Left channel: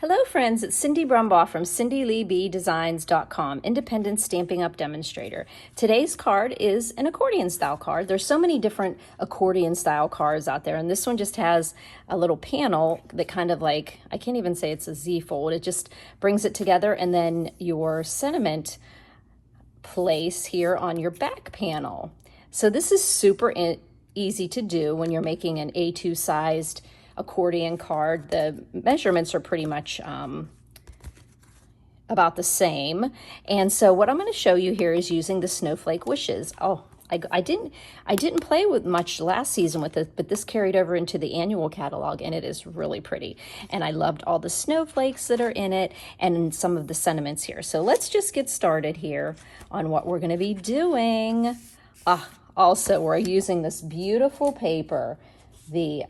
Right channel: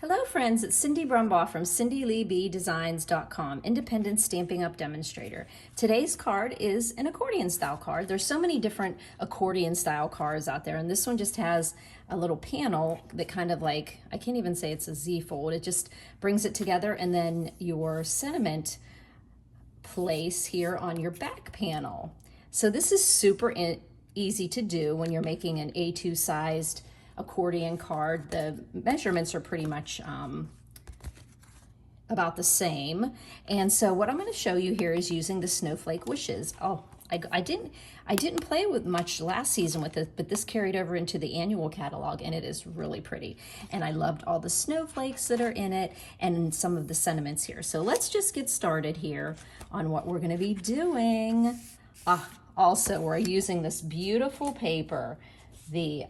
Hello friends, it's Cindy Brumbaugh from CindyLeeBDesigns.com, independent Stampin' Up demonstrator. Today's card is an accordion style card. There's so many different accordion style cards out there, and this one just has a little panel that kind of like, I can't even say it's a Z fold, it just brings it together, and then your sentiment place here on your back panel. So this is super easy to do when you're making an A2 sized accordion card. The measurements are pretty much about the same. And so what I'm going to show you here is using the snowflake wishes. Oh, I didn't play with much last season with it, but this carried over into the annual catalog, and it is really pretty. And I loved all the snowflakes that are in it and some of the sentiments here. So let's just get started here on what we're going to be doing. Also, we're using this beautiful paper.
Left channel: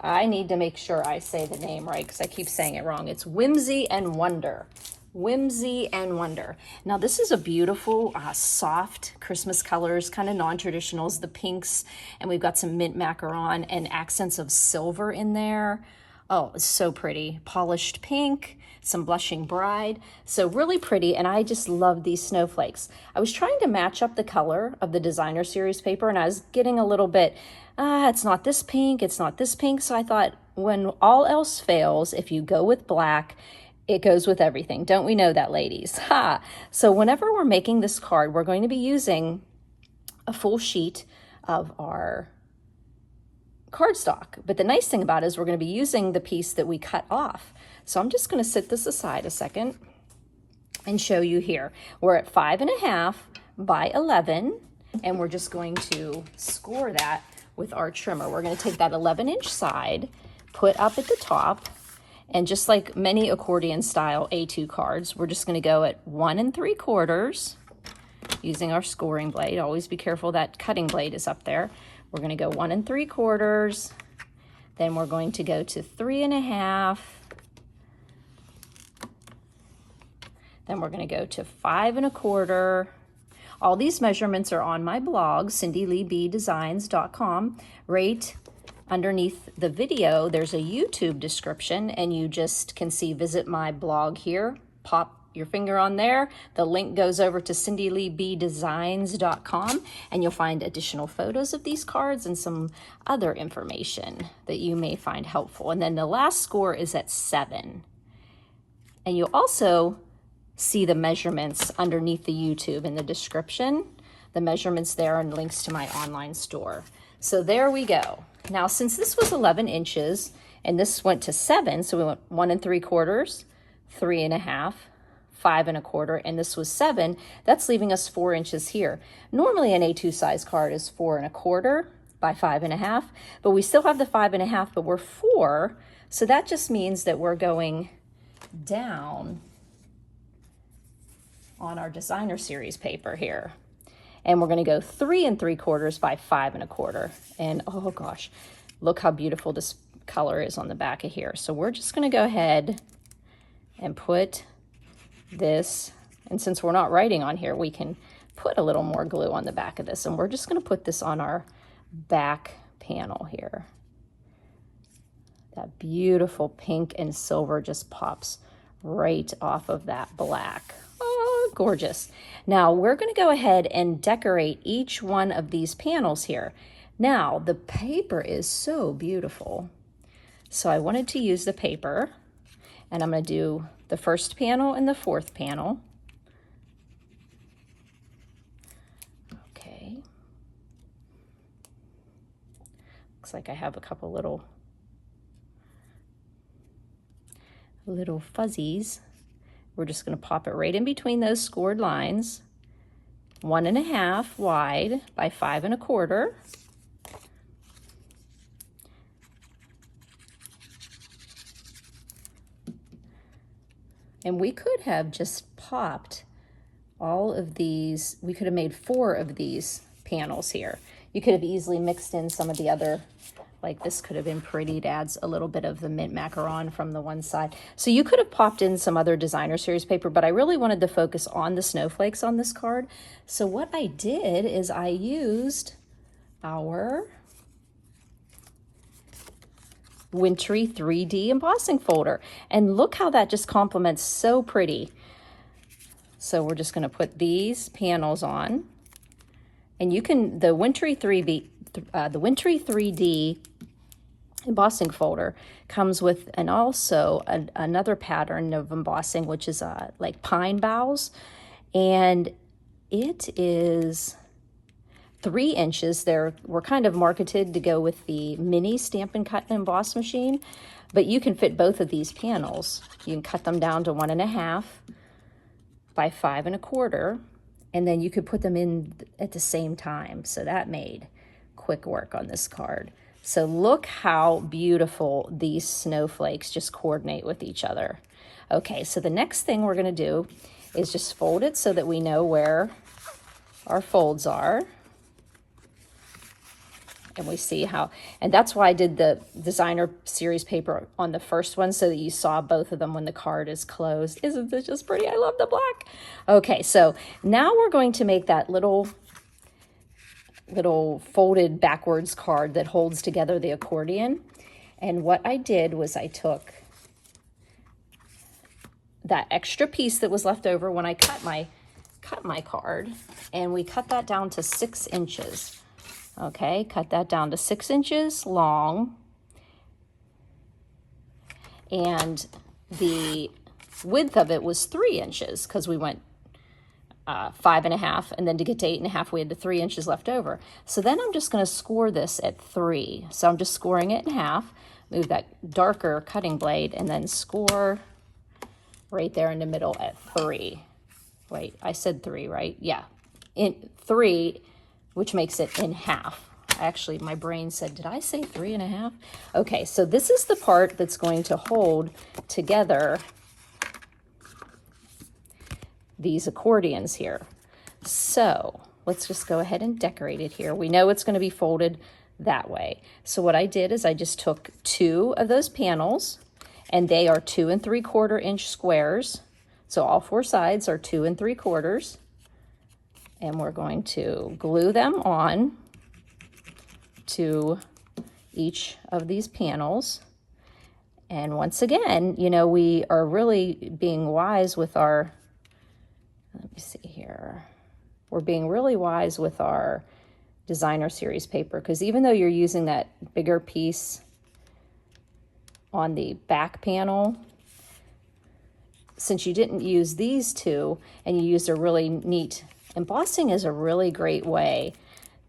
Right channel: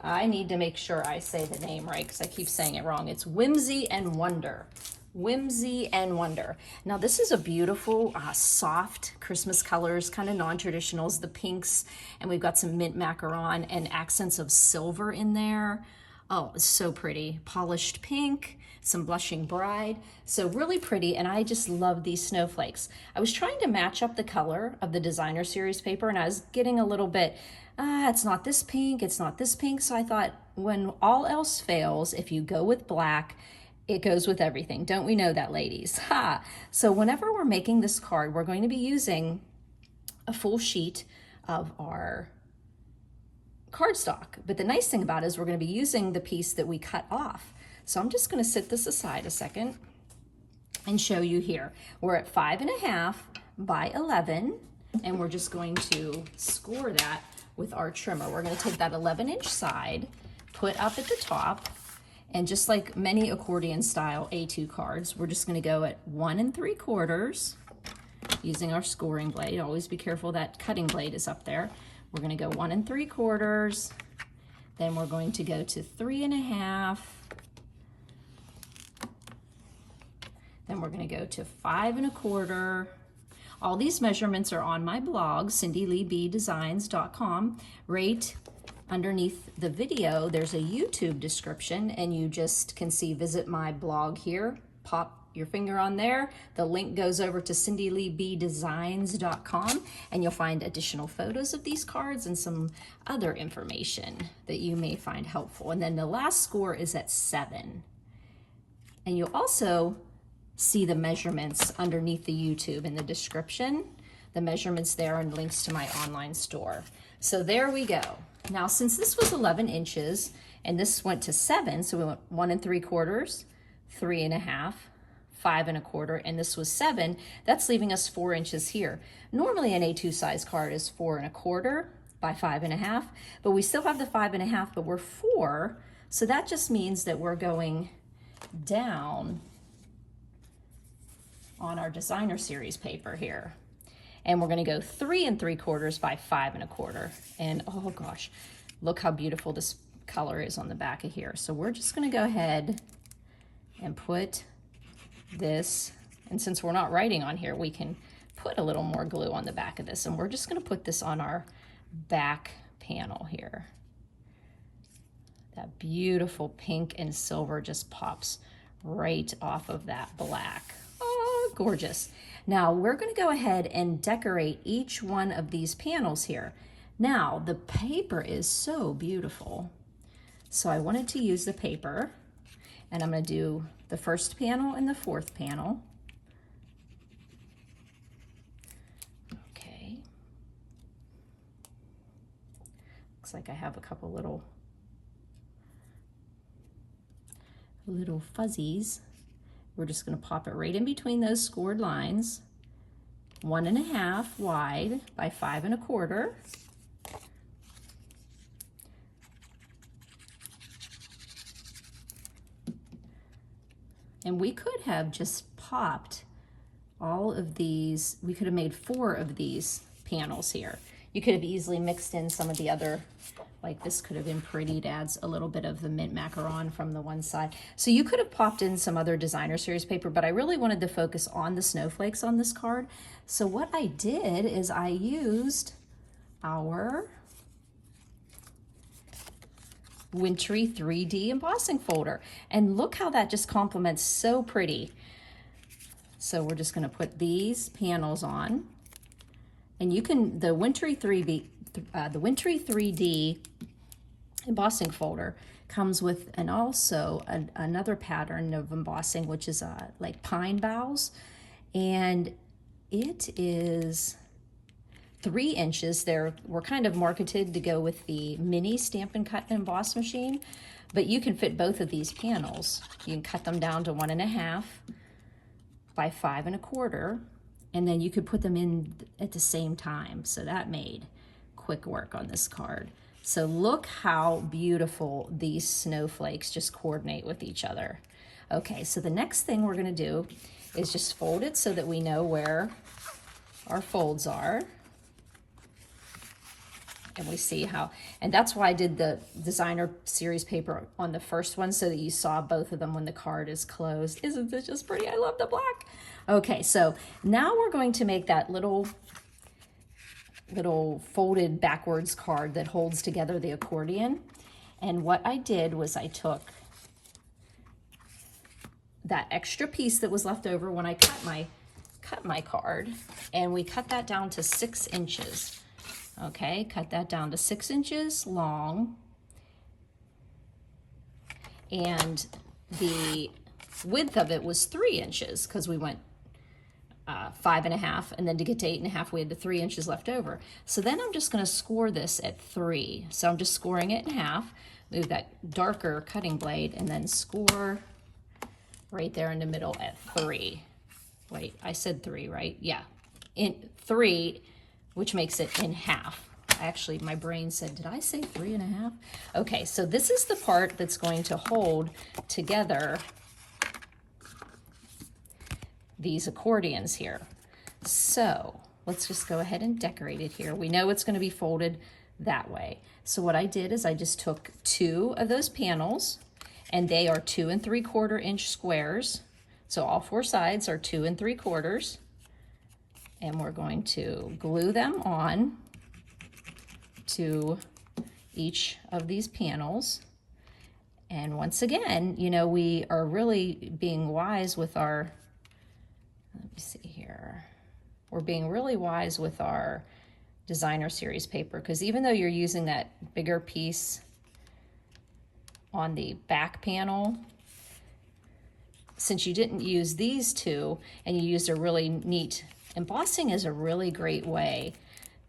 I need to make sure I say the name right because I keep saying it wrong. It's Whimsy and Wonder. Whimsy and Wonder. Now this is a beautiful, soft Christmas colors, kind of non-traditionals, the pinks, and we've got some mint macaron and accents of silver in there. Oh, it's so pretty. Polished pink, some blushing bride. So really pretty, and I just love these snowflakes. I was trying to match up the color of the designer series paper, and I was getting a little bit, it's not this pink, it's not this pink. So I thought, when all else fails, if you go with black, it goes with everything. Don't we know that, ladies? Ha! So whenever we're making this card, we're going to be using a full sheet of our cardstock. But the nice thing about it is we're going to be using the piece that we cut off. So I'm just going to set this aside a second and show you here. We're at 5.5 by 11, and we're just going to score that with our trimmer. We're going to take that 11-inch side, put up at the top, and just like many accordion style A2 cards, we're just going to go at 1 3/4 using our scoring blade. Always be careful that cutting blade is up there. We're going to go 1 3/4, then we're going to go to 3.5, then we're going to go to 5 1/4. All these measurements are on my blog, CindyLeeBDesigns.com. Right underneath the video, there's a YouTube description, and you just can see visit my blog here. Pop your finger on there. The link goes over to CindyLeeBDesigns.com, and you'll find additional photos of these cards and some other information that you may find helpful. And then the last score is at 7. And you'll also see the measurements underneath the YouTube in the description, the measurements there, and links to my online store. So there we go. Now, since this was 11 inches and this went to 7, so we went 1 3/4, 3.5, 5 1/4, and this was 7, that's leaving us 4 inches here. Normally an A2 size card is 4 1/4 by 5.5, but we still have the 5.5, but we're 4. So that just means that we're going down on our designer series paper here. And we're going to go 3 3/4 by 5 1/4. And oh gosh, look how beautiful this color is on the back of here. So we're just going to go ahead and put this, and since we're not writing on here, we can put a little more glue on the back of this. And we're just going to put this on our back panel here. That beautiful pink and silver just pops right off of that black. Oh, gorgeous. Now we're going to go ahead and decorate each one of these panels here. Now the paper is so beautiful, so I wanted to use the paper, and I'm going to do the first panel and the fourth panel. Okay. Looks like I have a couple little fuzzies. We're just going to pop it right in between those scored lines, 1.5 wide by 5 1/4. And we could have just popped all of these. We could have made 4 of these panels here. You could have easily mixed in some of the other, like this could have been pretty. It adds a little bit of the mint macaron from the one side. So you could have popped in some other designer series paper, but I really wanted to focus on the snowflakes on this card. So what I did is I used our wintry 3D embossing folder. And look how that just complements so pretty. So we're just going to put these panels on, and you can, the wintry 3D embossing folder comes with another pattern of embossing, which is like pine boughs, and it is 3 inches. We're kind of marketed to go with the mini Stampin' Cut and Emboss machine, but you can fit both of these panels. You can cut them down to 1.5 by 5 1/4, and then you could put them in at the same time. So that made quick work on this card. So look how beautiful these snowflakes just coordinate with each other. Okay, so the next thing we're gonna do is just fold it so that we know where our folds are. And we see how, and that's why I did the designer series paper on the first one, so that you saw both of them when the card is closed. Isn't this just pretty? I love the black. Okay, so now we're going to make that little folded backwards card that holds together the accordion. And what I did was I took that extra piece that was left over when I cut my card, and we cut that down to 6 inches. Okay, cut that down to 6 inches long, and the width of it was 3 inches because we went 5 1/2, and then to get to 8 1/2 we had the 3 inches left over. So then I'm just going to score this at 3. So I'm just scoring it in half, move that darker cutting blade, and then score right there in the middle at 3. Wait, I said 3, right? Yeah, in 3, which makes it in half. Actually, my brain said, did I say 3 1/2? Okay, so this is the part that's going to hold together these accordions here. So let's just go ahead and decorate it here. We know it's going to be folded that way. So what I did is I just took 2 of those panels, and they are 2 3/4 inch squares. So all 4 sides are 2 3/4. And we're going to glue them on to each of these panels. And once again, you know, we are really being wise with our, let me see here. We're being really wise with our designer series paper, because even though you're using that bigger piece on the back panel, since you didn't use these 2 and you used a really neat, embossing is a really great way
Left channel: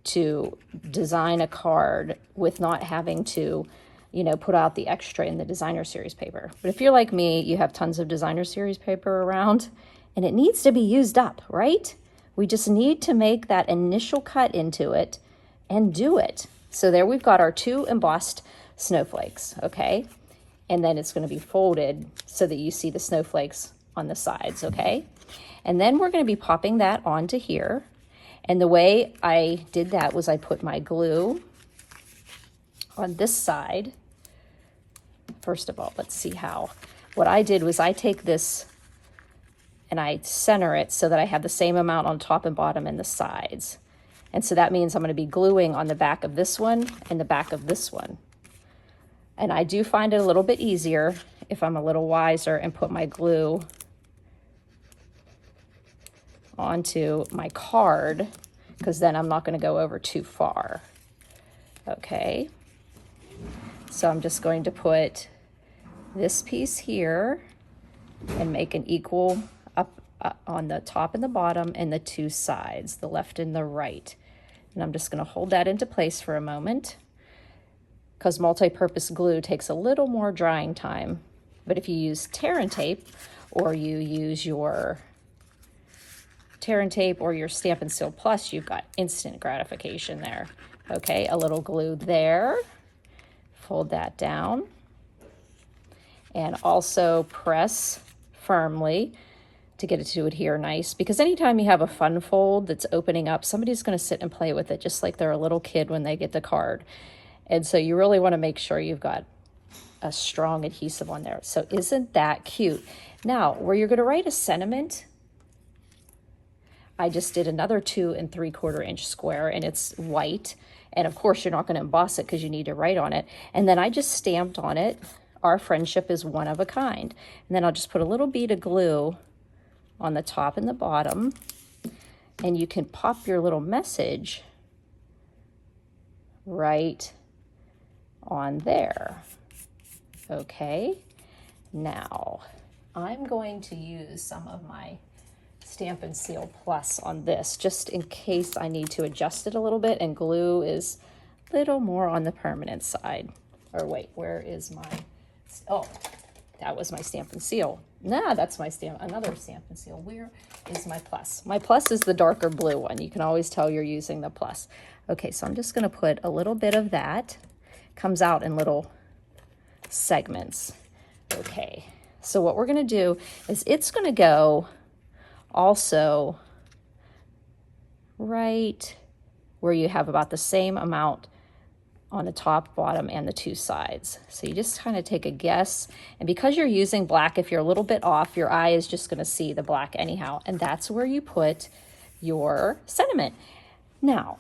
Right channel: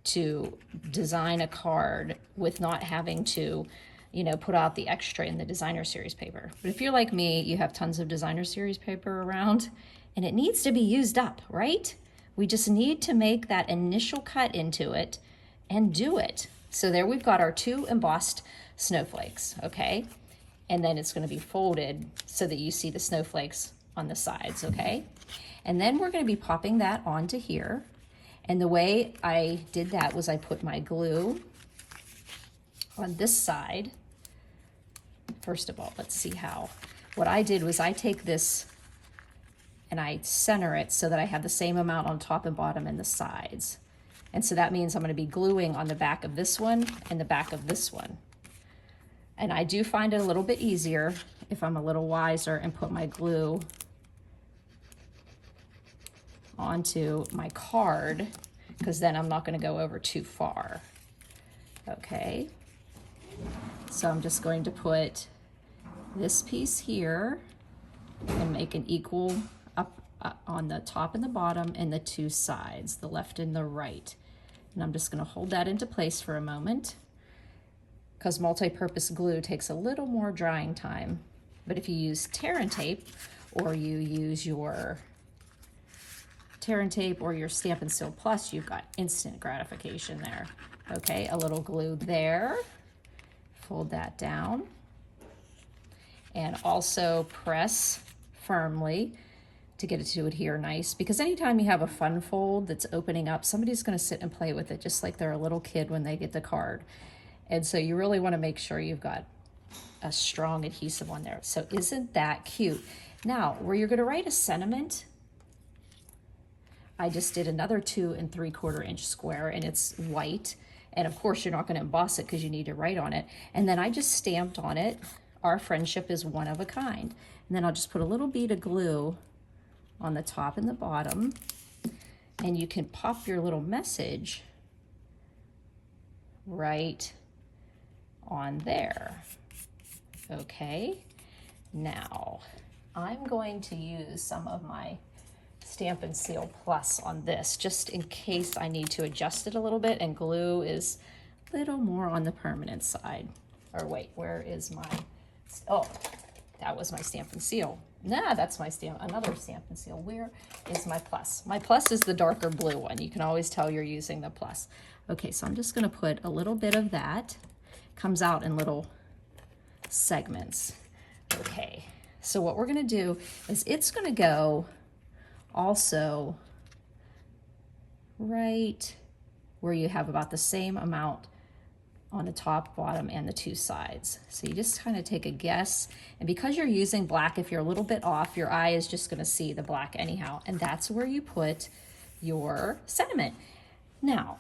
to design a card with not having to, you know, put out the extra in the designer series paper. But if you're like me, you have tons of designer series paper around, and it needs to be used up, right? We just need to make that initial cut into it and do it. So there we've got our 2 embossed snowflakes, okay? And then it's going to be folded so that you see the snowflakes on the sides, okay? And then we're going to be popping that onto here. And the way I did that was I put my glue on this side. First of all, let's see how. What I did was I take this and I center it so that I have the same amount on top and bottom and the sides. And so that means I'm going to be gluing on the back of this one and the back of this one. And I do find it a little bit easier if I'm a little wiser and put my glue onto my card, because then I'm not going to go over too far. Okay, so I'm just going to put this piece here and make an equal up on the top and the bottom and the 2 sides, the left and the right. And I'm just going to hold that into place for a moment, because multi-purpose glue takes a little more drying time. But if you use tear and tape, or you use your tear and tape or your Stampin' Seal Plus, you've got instant gratification there. Okay, a little glue there. Fold that down. And also press firmly to get it to adhere nice, because anytime you have a fun fold that's opening up, somebody's going to sit and play with it just like they're a little kid when they get the card. And so you really want to make sure you've got a strong adhesive on there. So isn't that cute? Now, where you're going to write a sentiment, I just did another 2 3/4 inch square, and it's white. And of course, you're not going to emboss it because you need to write on it. And then I just stamped on it, "Our friendship is one of a kind." And then I'll just put a little bead of glue on the top and the bottom. And you can pop your little message right on there. Okay, now I'm going to use some of my Stampin' Seal Plus on this, just in case I need to adjust it a little bit, and glue is a little more on the permanent side. Or wait, where is my, oh, that was my Stampin' Seal. Nah, that's my another Stampin' Seal. Where is my Plus? My Plus is the darker blue one. You can always tell you're using the Plus. Okay, so I'm just gonna put a little bit of that. Comes out in little segments. Okay, so what we're gonna do is it's gonna go also right where you have about the same amount on the top, bottom, and the two sides. So you just kind of take a guess, and because you're using black, if you're a little bit off, your eye is just gonna see the black anyhow, and that's where you put your sentiment. Now,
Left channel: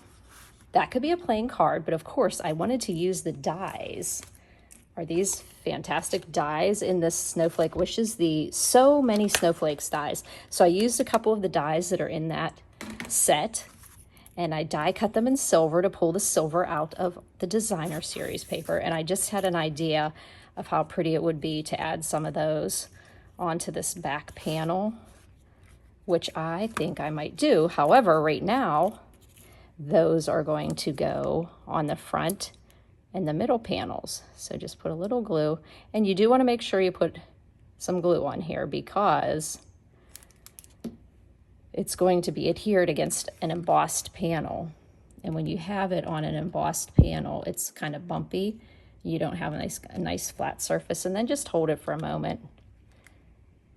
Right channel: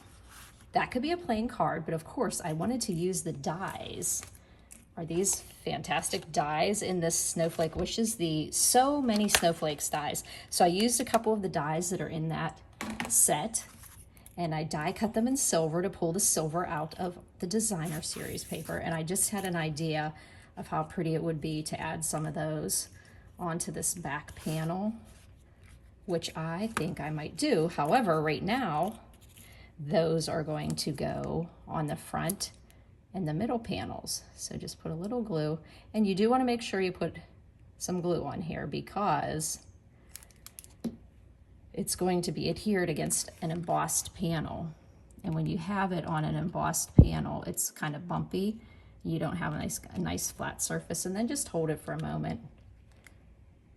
that could be a plain card, but of course I wanted to use the dies. Are these fantastic dies in this Snowflake Wishes? The So Many Snowflakes dies. So I used a couple of the dies that are in that set, and I die cut them in silver to pull the silver out of the designer series paper. And I just had an idea of how pretty it would be to add some of those onto this back panel, which I think I might do. However, right now, those are going to go on the front and the middle panels. So just put a little glue, and you do want to make sure you put some glue on here because it's going to be adhered against an embossed panel. And when you have it on an embossed panel, it's kind of bumpy. You don't have a nice flat surface. And then just hold it for a moment.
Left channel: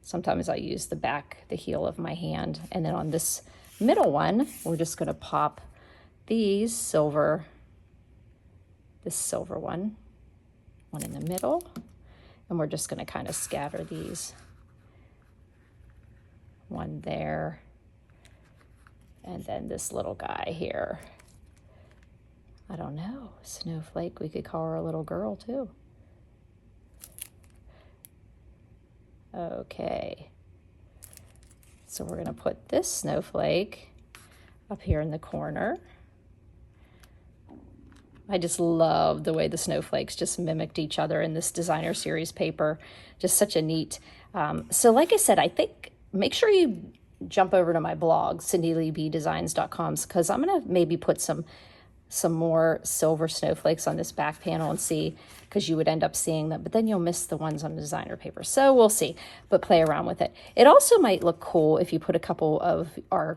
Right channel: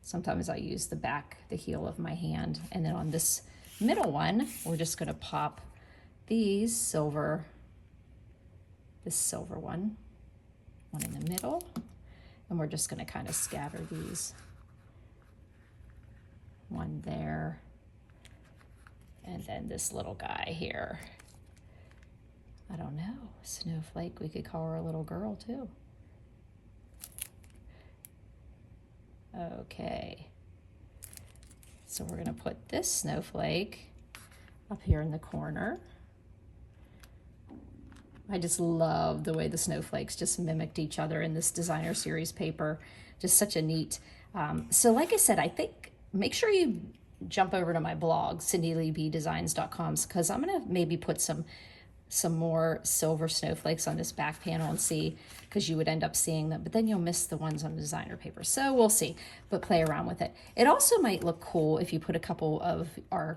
Sometimes I use the heel of my hand. And then on this middle one, we're just going to pop these silver, this silver one in the middle, and we're just going to kind of scatter these. One there, and then this little guy here. I don't know, Snowflake, we could call her a little girl too. Okay, so we're going to put this snowflake up here in the corner. I just love the way the snowflakes just mimicked each other in this designer series paper. Just such a neat. So like I said, I think make sure you jump over to my blog, cindyleebdesigns.com, because I'm gonna maybe put some more silver snowflakes on this back panel and see, because you would end up seeing them, but then you'll miss the ones on the designer paper. So we'll see, but play around with it. It also might look cool if you put a couple of our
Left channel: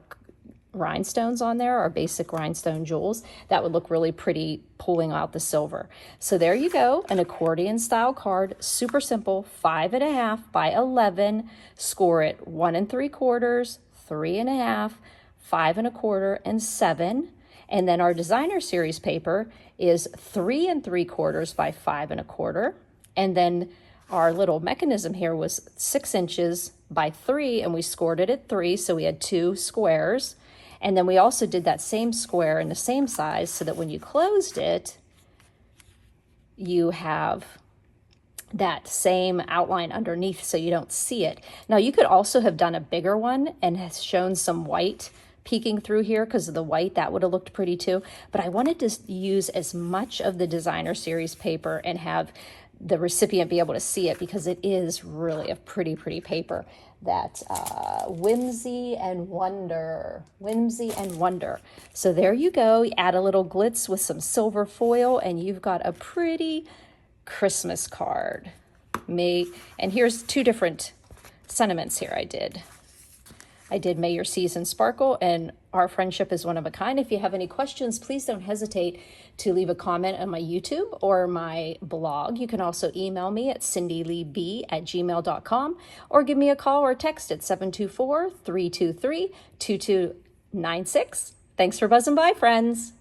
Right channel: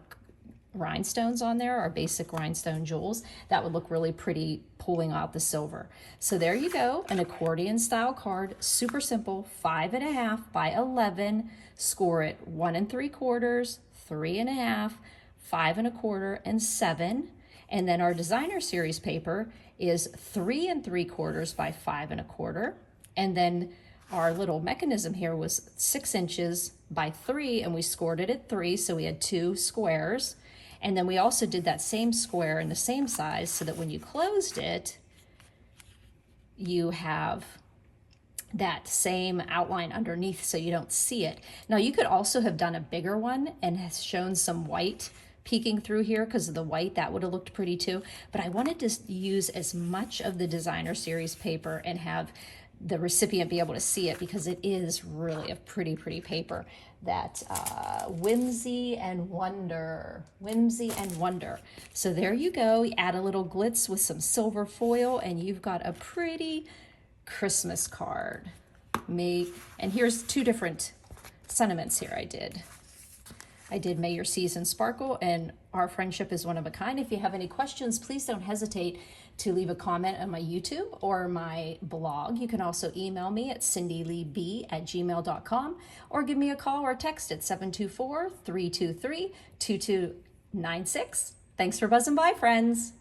rhinestones on there, our basic rhinestone jewels. That would look really pretty pulling out the silver. So there you go, an accordion style card, super simple, 5.5 by 11, score it 1 3/4, 3.5, 5 1/4, and 7. And then our designer series paper is 3 3/4 by 5 1/4. And then our little mechanism here was 6 inches by 3, and we scored it at 3, so we had 2 squares. And then we also did that same square in the same size so that when you closed it, you have that same outline underneath so you don't see it. Now you could also have done a bigger one and has shown some white peeking through here because of the white. That would have looked pretty too. But I wanted to use as much of the designer series paper and have the recipient be able to see it because it is really a pretty, pretty paper. That whimsy and wonder. So there you go. You add a little glitz with some silver foil and you've got a pretty Christmas card. And here's 2 different sentiments here I did. May your season sparkle and our friendship is one of a kind. If you have any questions, please don't hesitate to leave a comment on my YouTube or my blog. You can also email me at cindyleeb@gmail.com or give me a call or text at 724-323-2296. Thanks for buzzing by, friends.